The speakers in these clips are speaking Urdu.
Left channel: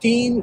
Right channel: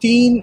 3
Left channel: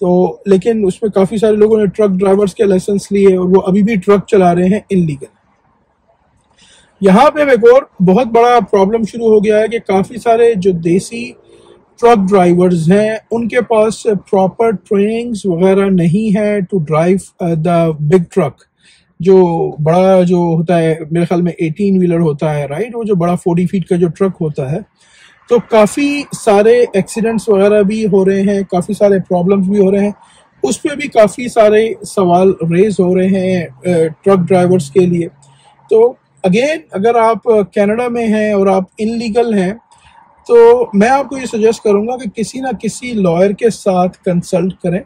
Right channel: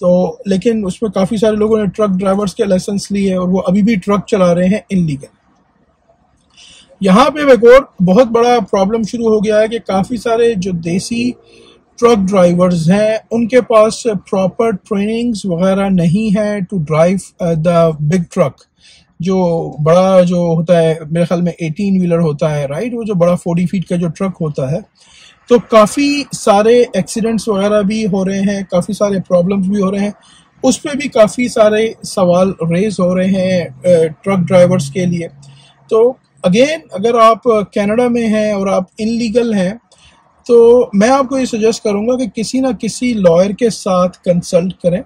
تو لیکن اس میں کافی سارے لوگوں نے ٹرک ڈرائیورز کے لائسنس لیے اور وہ ابھی بھی ٹرک چلا رہے ہیں انلیگل. یہاں پہ ایک اور بہت بڑا پرابلم شروع ہو گیا ہے کہ کافی سارے جو دیسی ٹرک ڈرائیورز ہیں ان کے پاس پراپر ٹریننگز وغیرہ نہیں ہے to drive the big truck, جو بڑا جو ہوتا ہے میرے خیال میں 18 ویلر ہوتا ہے، رائٹ، وہ جو بڑا 40 فیٹ کا جو ٹرک ہوتا ہے. تو کافی سارے ایکسیڈنٹس وغیرہ بھی ہو رہے ہیں، کافی سارے پرابلمس بھی ہو رہے ہیں، اس پہ بھی کافی سارے سوال ریز ہو رہے ہیں ٹرک ڈرائیورز کے لیے. تو اگین اگر آپ کینیڈا میں ہیں اور آپ انلیگل ہیں تو میں آپ کو یہ سجیسٹ کروں گا کہ کسی نہ کسی لائر کے ساتھ کنسلٹ کریں.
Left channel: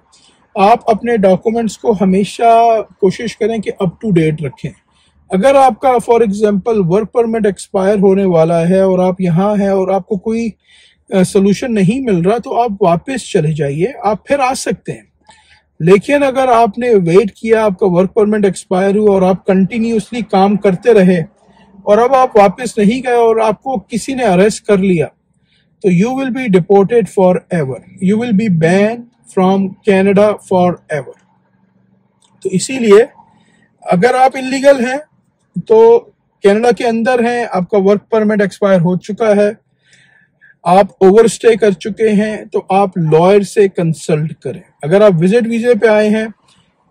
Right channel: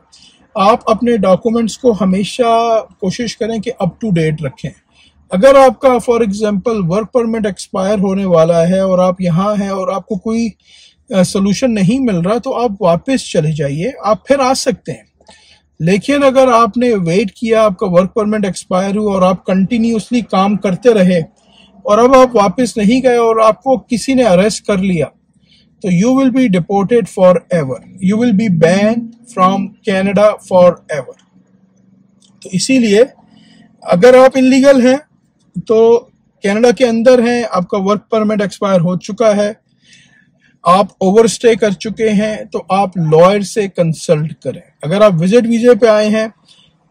آپ اپنے ڈاکومنٹس کو ہمیشہ کوشش کریں کہ اپ ٹو ڈیٹ رکھیں. اگر آپ کا for example work permit expire ہونے والا ہے اور آپ یہاں ہیں اور آپ کو کوئی سولوشن نہیں مل رہا تو آپ واپس چلے جائیے، آپ پھر آ سکتے ہیں. لیکن اگر آپ نے ویٹ کیا، آپ کا ورک پرمٹ ایکسپائر ہوا اور آپ کنٹینیوسلی کام کرتے رہے اور اب آپ واپس نہیں گئے اور آپ کو کسی نے اریسٹ کر لیا تو you will be deported forever, you will be ban from Canada forever. تو اسی لیے اگر آپ انلیگل ہیں تو کینیڈا کے اندر ہیں، آپ کا ورک پرمٹ ایکسپائر ہو چکا ہے، آپ اوور اسٹے کر چکے ہیں، تو آپ لائر سے کنسلٹ کریں. اگر آپ وزٹ ویزے پہ آئے ہیں،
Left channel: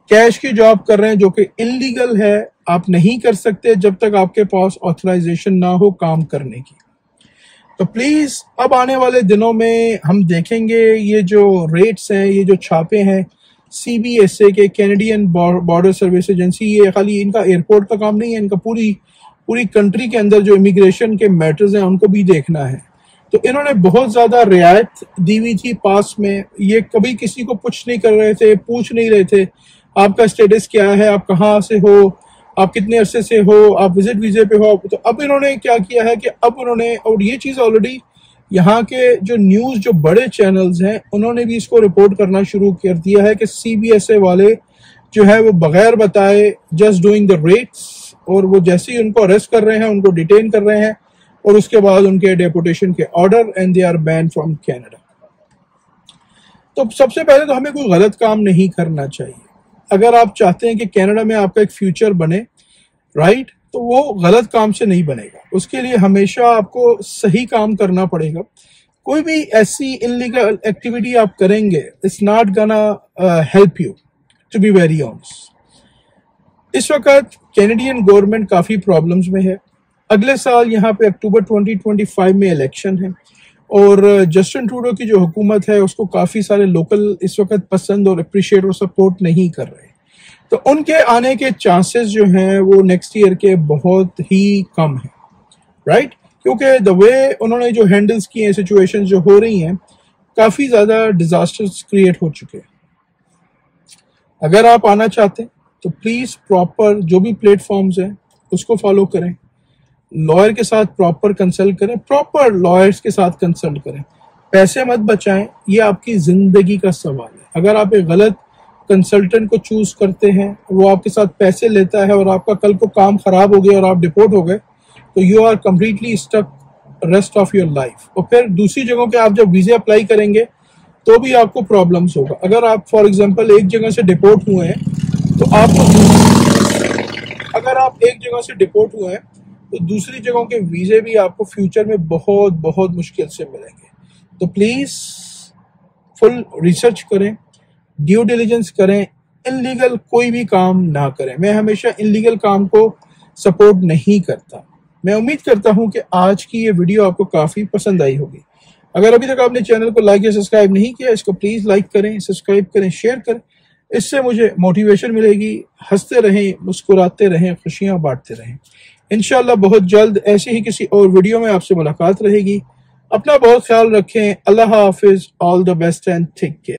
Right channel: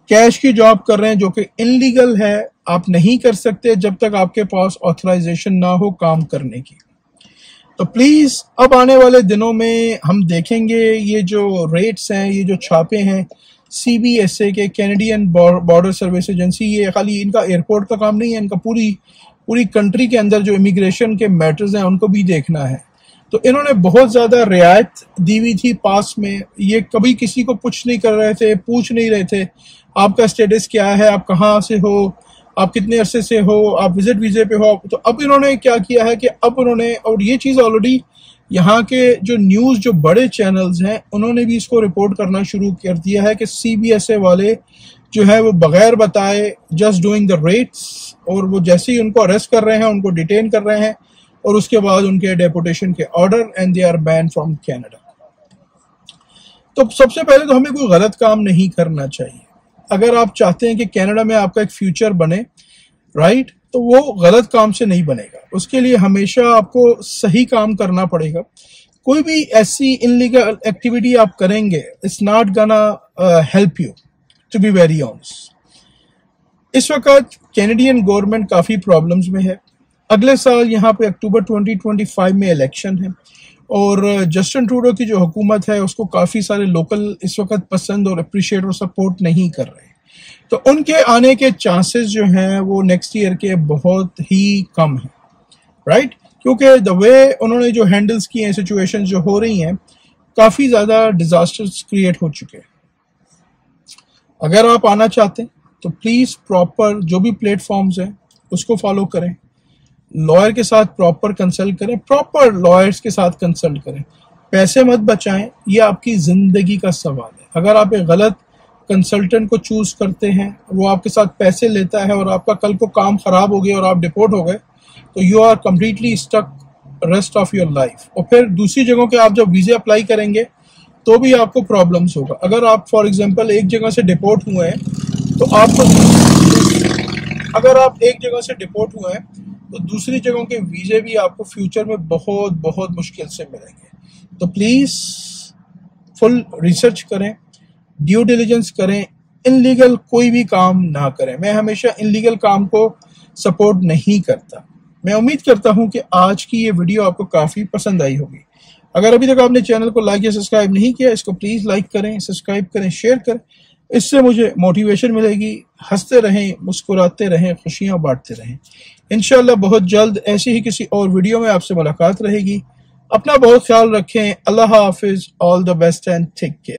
کیش کی جاب کر رہے ہیں جو کہ انلیگل ہے، آپ نہیں کر سکتے جب تک آپ کے پاس آتھرائزیشن نہ ہو کام کرنے کی. تو پلیز اب آنے والے دنوں میں ہم دیکھیں گے یہ جو ریٹس ہیں، یہ جو چھاپے ہیں سی بی ایس اے کے، کینیڈین بارڈر سروس ایجنسی، یہ خالی ان کا ایئرپورٹ کا کام نہیں ہے، ان کا پوری کنٹری کے اندر جو امیگریشن کے میٹرز ہیں ان کو بھی دیکھنا ہے. تو انہوں نے بہت زیادہ رعایت دی ہوئی تھی پاس میں، یہ کبھی کسی کو پوچھ نہیں کر رہے تھے، پوچھ نہیں رہے تھے آپ کا اسٹیٹس کیا ہے، آپ کہاں سے ہو، آپ کتنے عرصے سے ہو، آپ وزٹ ویزے پہ ہو. تو اب انہوں نے کیا کیا ہے کہ اب انہوں نے، اور یہ چیز آلریڈی یہاں کے جو نیوز جو بڑے چینلز ہیں انہوں نے بھی اس کو رپورٹ کرنا شروع کر دیا ہے کہ سی بی ایس اے والے جو ہے وہ بغیر بتائے جسٹ ڈوئنگ دا ریٹس، اور وہ جیسے ہی ان کو اریسٹ کر رہے ہیں ان کو ڈیٹین کر رہے ہیں اور اس کے بعد ان کے ڈیپوٹیشن کے order, and they are been from Canada. تو سب سے پہلے تو ہمیں کوئی غلط کام نہیں کرنا چاہیے. اگر آپ چاہتے ہیں کہ کینیڈا میں آپ کا ایک فیوچر بنے، رائٹ، تو وہ غلط کام سے نہیں بنے گا. اس کے لیے ہمیشہ آپ کو صحیح کام کرنا پڑے گا. کوئی بھی ایسی انلیگل ایکٹیویٹی آپ کریں گے، it's not gonna help you, to be very honest. اس وقت کینیڈین گورنمنٹ کافی پرابلمز میں ہے. اگلے سال یہاں پہ اکتوبر 2025 میں الیکشن ہے اور جسٹن ٹروڈو کی جو حکومت ہے اس کو کافی سارے لوکل اس وقت پسند اور اپریشیٹ اور سپورٹ نہیں کر رہے. تو ان کے آنے کے چانسز جو ہیں وہ نیکسٹ ایئر کے بہت ہی کم ہیں، رائٹ، کیونکہ دا وے انہوں نے جو ہینڈلز کی ہیں سچویشن جو ہو رہی ہیں، کافی زیادہ ڈیزاسٹرز کریٹ ہو چکے ہیں. اگر آپ آنا چاہتے ہیں تو پلیز پراپر جو بھی پلیٹ فارمز ہیں اس کو فالو کریں، لائر کے ساتھ پراپر کنسلٹ کریں، پراپر لائرز کے ساتھ کنسلٹ کریں، پیسے مت بچائیں، یہ آپ کی زندگی کا سوال ہے. اگر آپ ایک غلط کنسلٹنٹ کو چوز کرتے ہیں، وہ آپ کے ساتھ پیسے لیتا ہے اور آپ کا کل کو کام خراب ہو گیا اور آپ ڈپورٹ ہو گئے تو you are completely stuck rest of your life. اور پھر دوسری جگہوں کے آپ جب ویزے اپلائی کریں گے تو بھی آپ کو پرابلمس ہوگا. اگر آپ فار ایگزامپل ایک جگہ سے ڈپورٹ ہوئے ہیں تو آپ کو اگر آپ ایک جگہ سے ڈپورٹ ہوئے ہیں تو دوسری جگہوں کے ویزے بھی آپ کو فیوچر میں بہت بہت مشکل سے ملیں گے. تو پلیز فل ریسرچ کریں، ڈیو ڈیلیجنس کریں، انلیگل کوئی بھی کام نہ کریں. میں ہمیشہ انلیگل کام کو سپورٹ نہیں کرتا. میں امید کرتا ہوں کہ آج کی یہ ویڈیو آپ کو کافی پسند آئی ہوگی. اگر ابھی تک آپ نے چینل کو لائک یا سبسکرائب نہیں کیا، اس کو پلیز لائک کریں، سبسکرائب کریں، شیئر کریں. اس سے مجھے موٹیویشن ملے گی. ہنستے رہیں، مسکراتے رہیں، خوشیاں بانٹتے رہیں. انشاءاللہ بہت جلد ایسی ہی کسی اور ویڈیو میں آپ سے ملاقات رہے گی. اپنا بہت خیال رکھیں. اللہ حافظ. All the best and take care.